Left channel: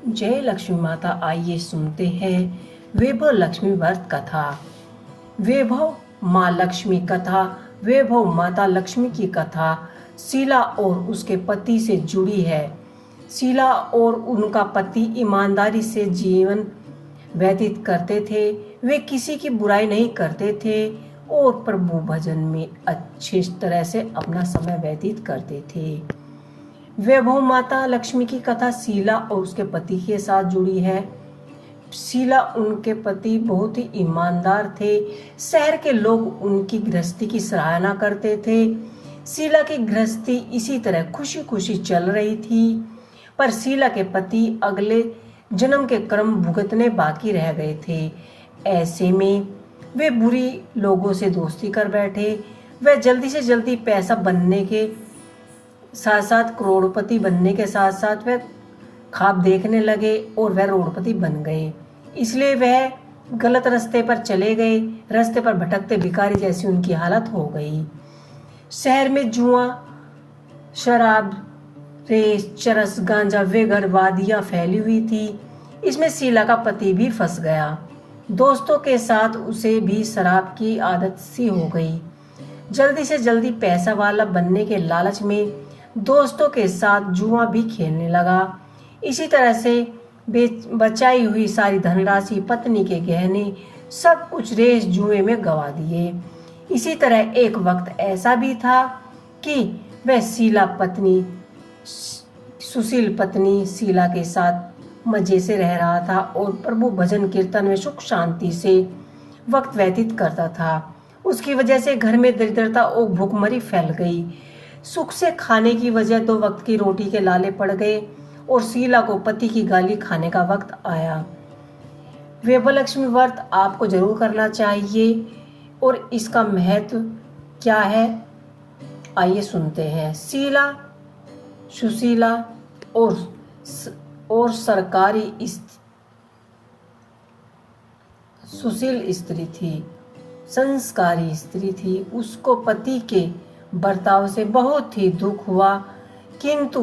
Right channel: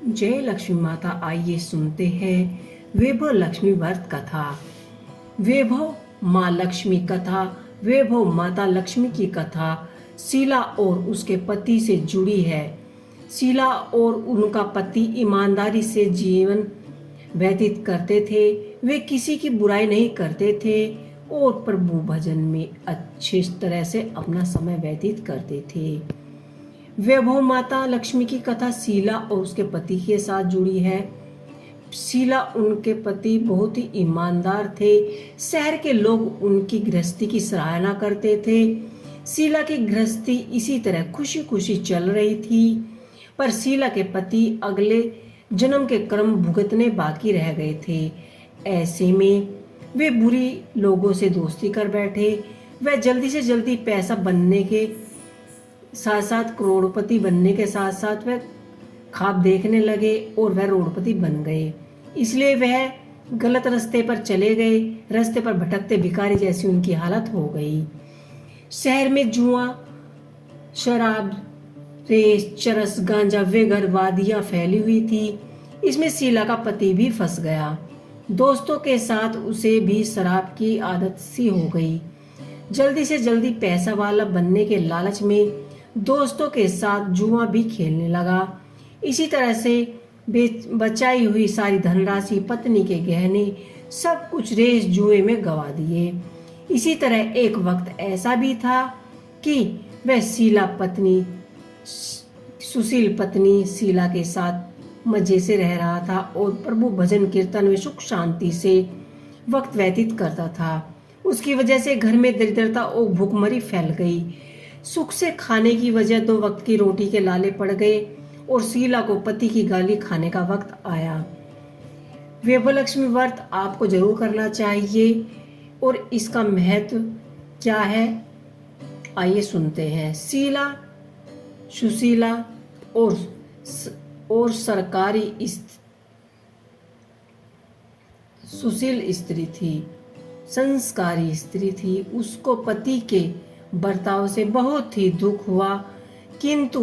जय लक्ष्मी माता। आइए सुनते हैं वैभव लक्ष्मी व्रत कथा। वैभव माँ लक्ष्मी कथा। वैभव माता लक्ष्मी की कथा शीला और उसके पति से जुड़ी है। शीला और उनका पति ईमानदारी से जीवन व्यतीत करते थे। वे किसी की बुराई नहीं करते थे और प्रभु भजन में अच्छी तरह से अपना समय व्यतीत करते थे। वैभव माता लक्ष्मी की कथा शीला और उसके पति के साथ जुड़ी है। शीला उनके पति बहुत ही ईमानदार थे। शहर के लोग उनकी गृहस्थी की सराहना करते थे। शीला की गृहस्थी इसी तरह खुशी खुशी चल रही थी, पर शीला के पति अगले जन्म के कर्म भुगतने बाकी रह गए थे। ऐसे में वे बुरी लोगों से दोस्ती कर बैठे। वे जल्दी से जल्दी पैसा बनने के साथ साथ करोड़पति बनने के साथ साथ वह ख्वाब देखने लगे और वह करोड़पति बन गए। इसलिए वह गलत रास्ते पर चले गए। रास्ते पर भटकते भिखारी जैसी उनकी हालत हो गई। शहर में जुआ, शराब, रेस, चरस, गांजा वगैरह वादियां फैली हुई थी। इसमें शीला का पति भी फंस गया। दोस्तों के साथ उसे भी शराब की आदत सी हो गई। जल्दी से जल्दी पैसा वाला बनने के लालच में दोस्तों के साथ जुआ भी खेलने लगा। इसी तरह से बचाई हुई सारी धनराशि, पत्नी के गहने, सब कुछ रेस जुए में गवा दिए। इसी तरह एक वक्त ऐसा भी था कि वह सुशील पत्नी शीला के साथ मजे से रह रहा था और प्रभु भजन कीर्तन में सुख शांति से वक्त व्यतीत करता था। उसकी वजह से घर में दरिद्रता और भूखमरी फैल गई। सुख से खाने की वजह 2 वक्त की रोटी के लाले पड़ गए और शीला को पति की गाली खाने का वक्त आया। वैभव लक्ष्मी व्रत आपको जरूर करना चाहिए और इसका महत्व क्या है आइए सुनते हैं। शीला सुशीला और सुशील स्त्री थी, संस्कारी स्त्री थी। उसको पति के बर्ताव से बहुत ही दुख हुआ, किंतु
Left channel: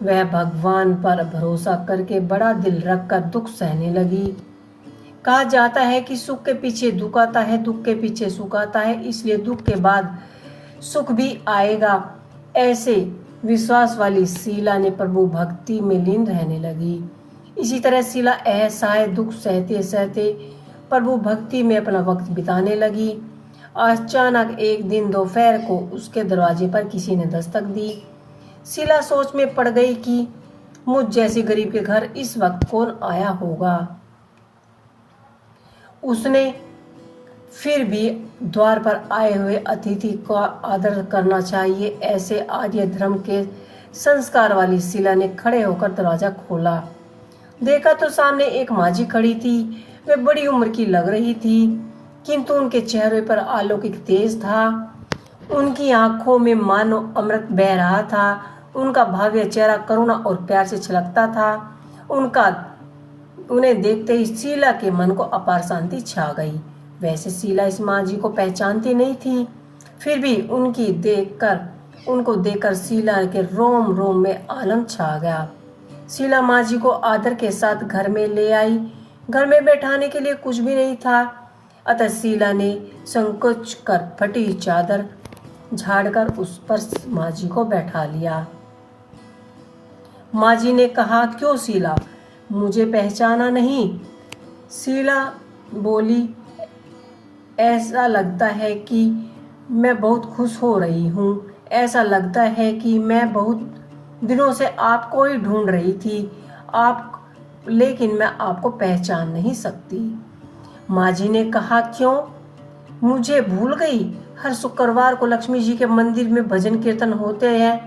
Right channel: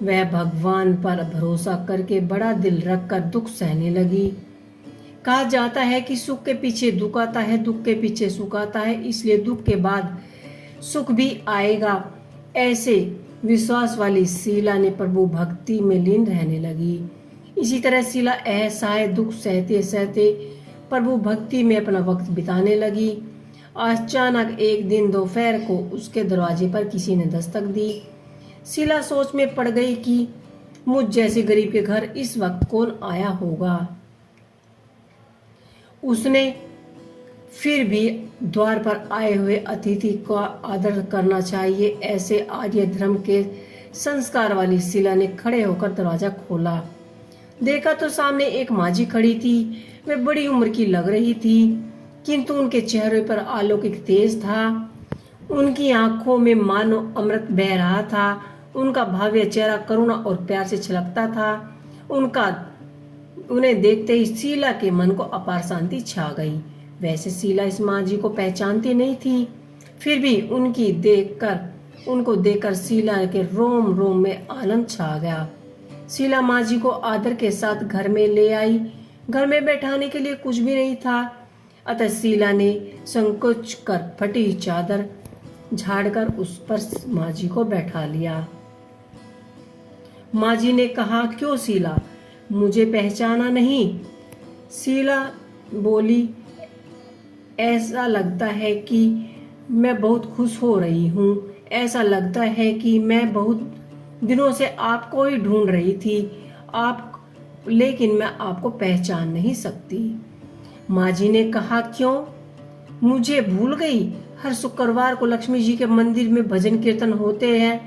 वह भगवान पर भरोसा करके बड़ा दिल रखकर दुख सहने लगी। कहा जाता है कि सुख के पीछे दुख आता है, दुख के पीछे सुख आता है, इसलिए दुख के बाद सुख भी आएगा। ऐसे विश्वास वाली शीला ने प्रभु भक्ति में लीन रहने लगी। इसी तरह शीला असहाय दुख सहते सहते प्रभु भक्ति में अपना वक्त बिताने लगी। अचानक एक दिन दोपहर को उसके दरवाजे पर किसी ने दस्तक दी। शीला सोच में पड़ गई कि मुझ जैसी गरीब के घर इस वक्त कौन आया होगा। उसने फिर भी द्वार पर आए हुए अतिथि का आदर करना चाहिए, ऐसे आर्य धर्म के संस्कार वाली शीला ने खड़े होकर दरवाजा खोला। देखा तो सामने एक माझी खड़ी थी। वे बड़ी उम्र की लग रही थी, किंतु उनके चेहरे पर अलौकिक तेज था। उनकी आंखों में मानो अमृत बह रहा था। उनका भव्य चेहरा करुणा और प्यार से छलकता था। उन्हें देखते ही शीला के मन को अपार शांति छा गई। वैसे शीला इस माँ जी को पहचानती नहीं थी, फिर भी उनको देखकर शीला के रोम रोम में आनंद छा गया। शीला माँ जी को आदर के साथ घर में ले आई। घर में बैठाने के लिए कुछ भी नहीं था, अतः शीला ने संकोच कर फटी चादर झाड़कर उस पर माँ जी को बैठा लिया। माँ जी ने कहा, क्यों शीला, मुझे पहचाना नहीं? शीला बोली, ऐसा लगता है कि मैं बहुत खुश हो रही हूँ। ऐसा लगता है कि मैं बहुत दिनों से आपको ही ढूंढ रही थी, लेकिन मैं आपको पहचान नहीं सकती। माँ जी ने कहा, क्यों, मुझे भूल गई? हर शुक्रवार को लक्ष्मी जी के मंदिर में भजन कीर्तन होते हैं,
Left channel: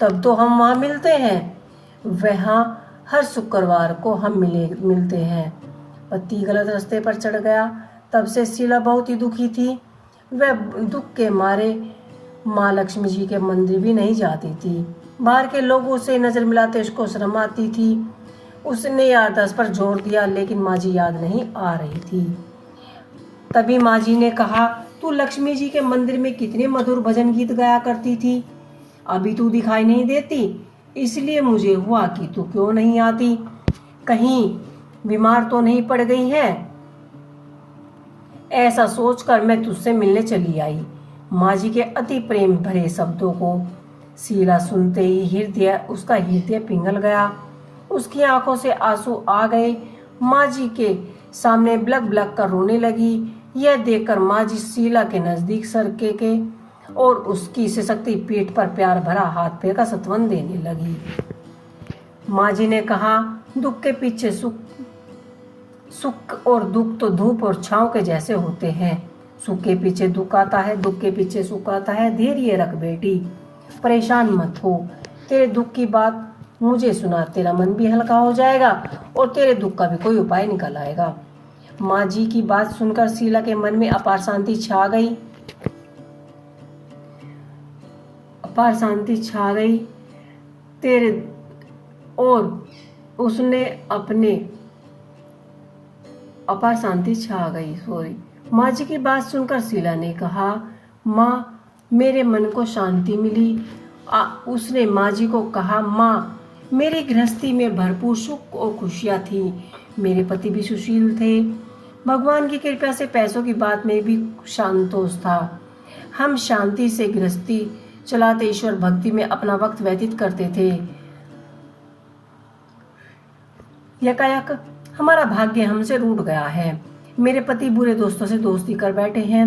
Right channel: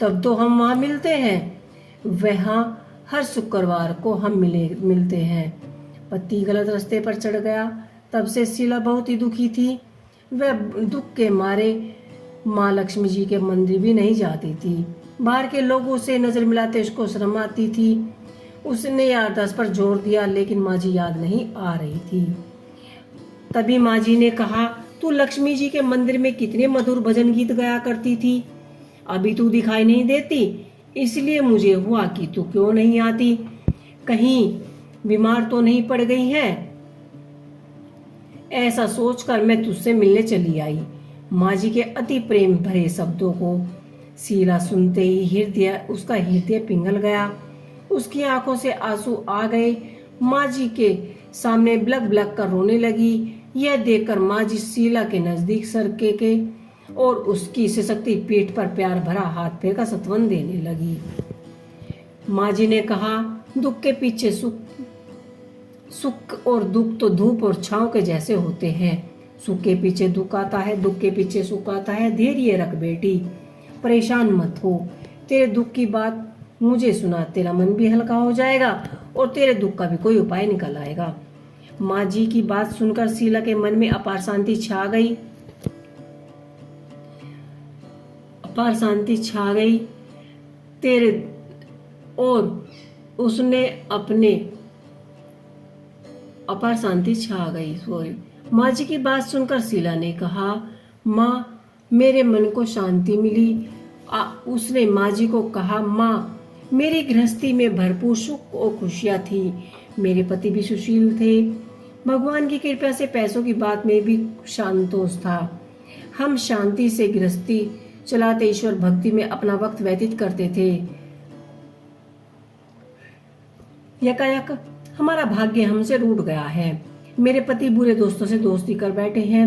तब तो हम वहाँ मिलते हैं। वहाँ हर शुक्रवार को हम मिलते हैं। पति गलत रास्ते पर चढ़ गया। तब से शीला बहुत ही दुखी थी। वह दुख के मारे माँ लक्ष्मी जी के मंदिर भी नहीं जाती थी। बाहर के लोगों से नजर मिलाते उसको शर्म आती थी। उसने यार 10 पर जोर दिया, लेकिन माँ जी याद नहीं आ रही थी। तभी माँ जी ने कहा, तू लक्ष्मी जी के मंदिर में कितने मधुर भजन गीत गाया करती थी, अभी तू दिखाई नहीं देती। इसलिए मुझे हुआ कि तू क्यों नहीं आती, कहीं बीमार तो नहीं पड़ गई है। ऐसा सोचकर मैं तुझसे मिलने चली आई। माँ जी के अति प्रेम भरे शब्दों को शीला सुनते ही उसका हृदय पिघल गया। उसकी आंखों से आंसू आ गए। माँ जी के सामने ब्लक ब्लक कर रोने लगी। यह देखकर माँ जी शीला के नजदीक सरके के और उसकी सशक्ति पीठ पर प्यार भरा हाथ फेरकर सत्वन देने लगी। माँ जी ने कहा, दुख के पीछे सुख और दुख तो धूप और छांव के जैसे होते हैं। सुख के पीछे दुख आता है, दुख के पीछे सुख आता है। धैर्य रख बेटी, परेशान मत हो। तेरे दुख की बात मुझे सुना, तेरा मन भी हल्का हो जाएगा और तेरे दुख का भी कोई उपाय निकल आएगा। माँ जी की बात सुनकर शीला के मन में अपार शांति छा गई। अपार शांति छा गई तेरे और उसने अपने अपार शांति छा गई सॉरी। माँ जी की बात सुनकर शीला ने कहा, माँ मेरे मन को शांति मिली। उसने माँ जी को कहा, माँ मेरी गृहस्थी में भरपूर सुख और खुशियाँ थी। मेरे पति भी सुशील थे। भगवान की कृपा से पैसों की बात में भी शांतोष था। हम शांति से गृहस्थी चलाते ईश्वर भक्ति में अपना वक्त व्यतीत करते थे। यकायक हमारा भाग्य हमसे रूठ गया है। मेरे पति बुरे दोस्तों से दोस्ती कर बैठे हैं।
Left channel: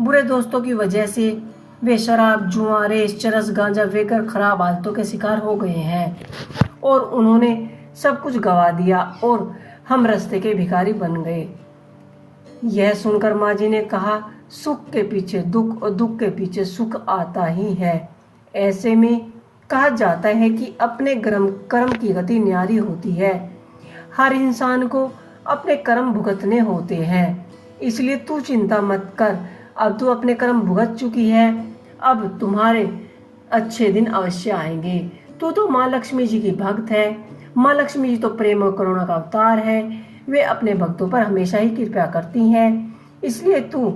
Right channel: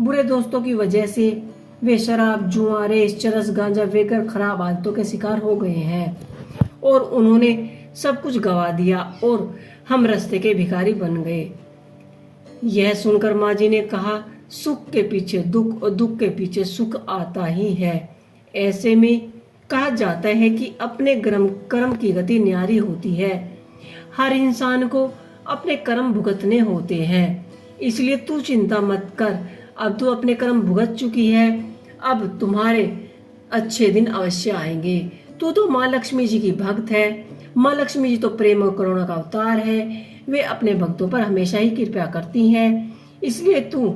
बुरे दोस्तों की वजह से वे शराब, जुआ, रेस, चरस, गांजा वेकर खराब आदतों के शिकार हो गए हैं और उन्होंने सब कुछ गवा दिया और हम रास्ते के भिखारी बन गए। यह सुनकर माँ जी ने कहा, सुख के पीछे दुख और दुख के पीछे सुख आता ही है। ऐसे में कहा जाता है कि अपने कर्म की गति न्यारी होती है। हर इंसान को अपने कर्म भुगतने होते हैं। इसलिए तू चिंता मत कर, अब तू अपने कर्म भुगत चुकी है। अब तुम्हारे अच्छे दिन अवश्य आएंगे। तू तो माँ लक्ष्मी जी की भक्त है। माँ लक्ष्मी जी तो प्रेम और करुणा का अवतार है। वे अपने भक्तों पर हमेशा ही कृपा करती हैं। इसलिए तू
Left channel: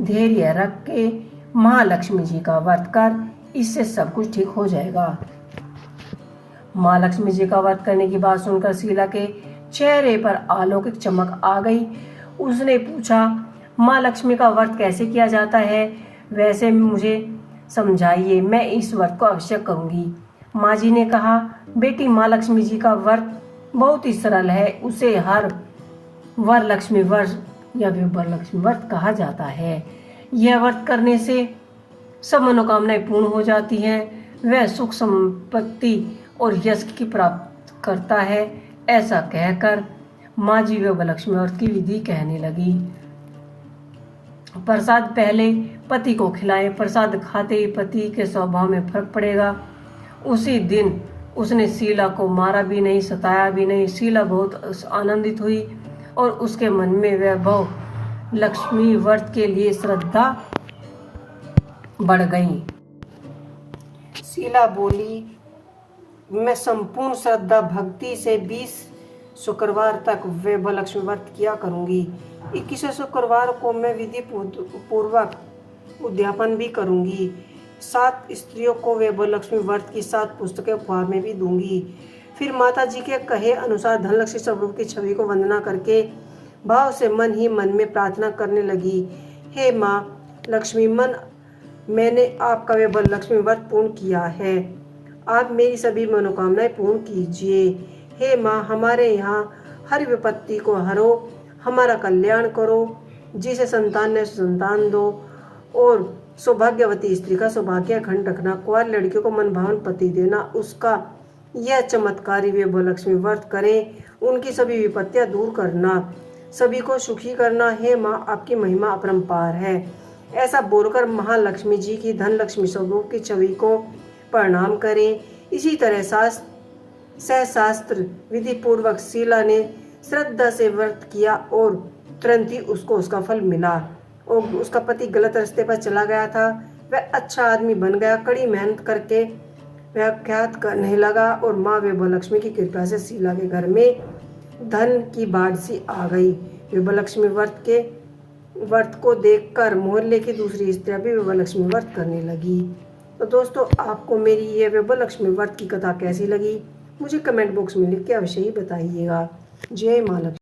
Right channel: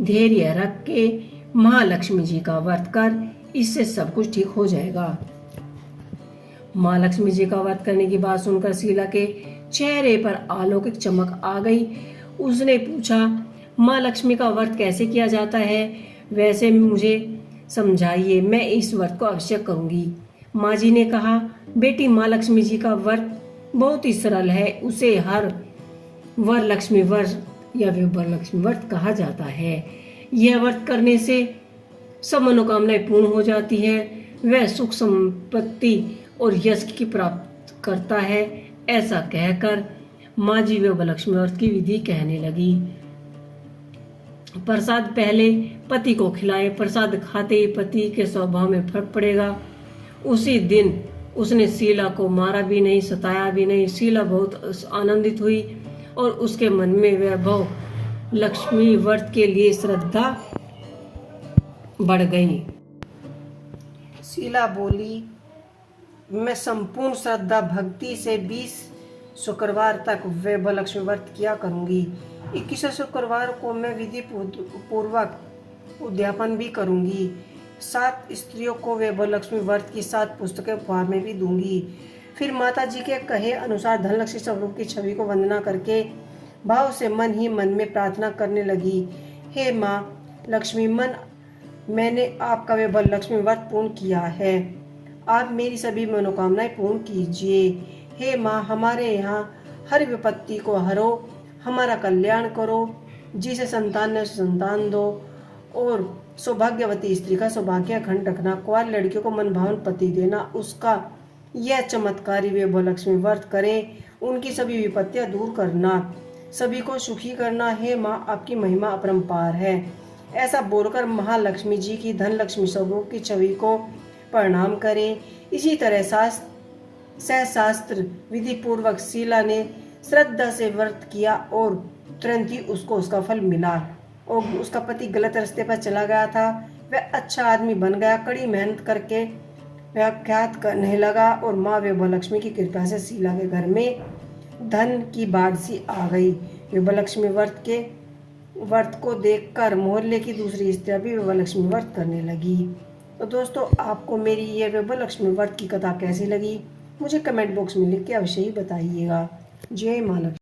धैर्य रख के माँ लक्ष्मी जी का व्रत कर, इससे सब कुछ ठीक हो जाएगा। माँ लक्ष्मी जी का व्रत करने की बात सुनकर शीला के चेहरे पर अलौकिक चमक आ गई। उसने पूछा, माँ लक्ष्मी का व्रत कैसे किया जाता है? वैसे मुझे समझाइए, मैं इस व्रत को अवश्य करूंगी। माँ जी ने कहा, बेटी माँ लक्ष्मी जी का व्रत बहुत ही सरल है। उसे हर वरलक्ष्मी व्रत या वरलक्ष्मी व्रत कहा जाता है। यह व्रत करने से सब मनोकामनाएं पूर्ण हो जाती है। वह सुख संपत्ति और यश की प्राप्त करता है। ऐसा कहकर माँ जी वरलक्ष्मी व्रत की विधि कहने लगी। प्रसाद पहले पति को खिलाए। प्रसाद खाते ही पति के स्वभाव में फर्क पड़ेगा। उसी दिन उसने शीला को मारा भी नहीं, सताया भी नहीं। शीला बहुत आनंदित हुई और उसके मन में वैभव लक्ष्मी व्रत के लिए श्रद्धा बढ़ गई। शीला बोली, मैं संपूर्ण श्रद्धा भक्ति से 20 शुक्रवार तक वैभव लक्ष्मी व्रत किया करूंगी। 21 शुक्रवार को मैं विधि पूर्वक उद्यापन भी करूंगी। 7 स्त्रियों को वैभव लक्ष्मी व्रत की 7 पुस्तकें उपहार में भी दूंगी। फिर माता जी के कहे अनुसार धनलक्ष्मी स्वरूप की छवि को वंदना करके भाव से मन ही मन में प्रार्थना करने लगी। हे माँ लक्ष्मी, मैंने आपका वैभव लक्ष्मी व्रत पूर्ण किया है। आप मेरी सभी मनोकामनाएं पूर्ण कीजिए। हे माँ, हमारे यहाँ हर विपत्ति को हरो, हमारा कल्याण करो। जिसे संतान ने संतान दो और सौभाग्यवती स्त्री का सौभाग्य अखंड रखना। कुंवारी लड़कियों को मनभावन पति देना। उसका यह चमत्कारी वैभव लक्ष्मी व्रत करें। उनकी सभी विपत्तियां दूर करना, सभी को सुखी करना। हे माँ, आपकी महिमा अपरंपार है। ऐसा बोलकर महालक्ष्मी जी की धनलक्ष्मी स्वरूप की छवि को प्रणाम करें। इसी तरह शास्त्र विधि पूर्वक शीला ने श्रद्धा से व्रत किया और तुरंत ही उसको उसका फल मिला। और उसका पति गलत रास्ते पर चला गया था, वह अच्छा आदमी बन गया। कड़ी मेहनत करके व्याख्यात करने लगा और माँ वैभव लक्ष्मी की कृपा से शीला के घर में धन की बाढ़ सी आ गई। वैभव लक्ष्मी व्रत को देखकर मोहल्ले की दूसरी स्त्रियां भी वैभव लक्ष्मी व्रत करने लगी। तो दोस्तों, आपको मेरी ये वैभव लक्ष्मी व्रत की कथा कैसी लगी, मुझे कमेंट बॉक्स में लिख के अवश्य ही बताइएगा। जय माँ लक्ष्मी।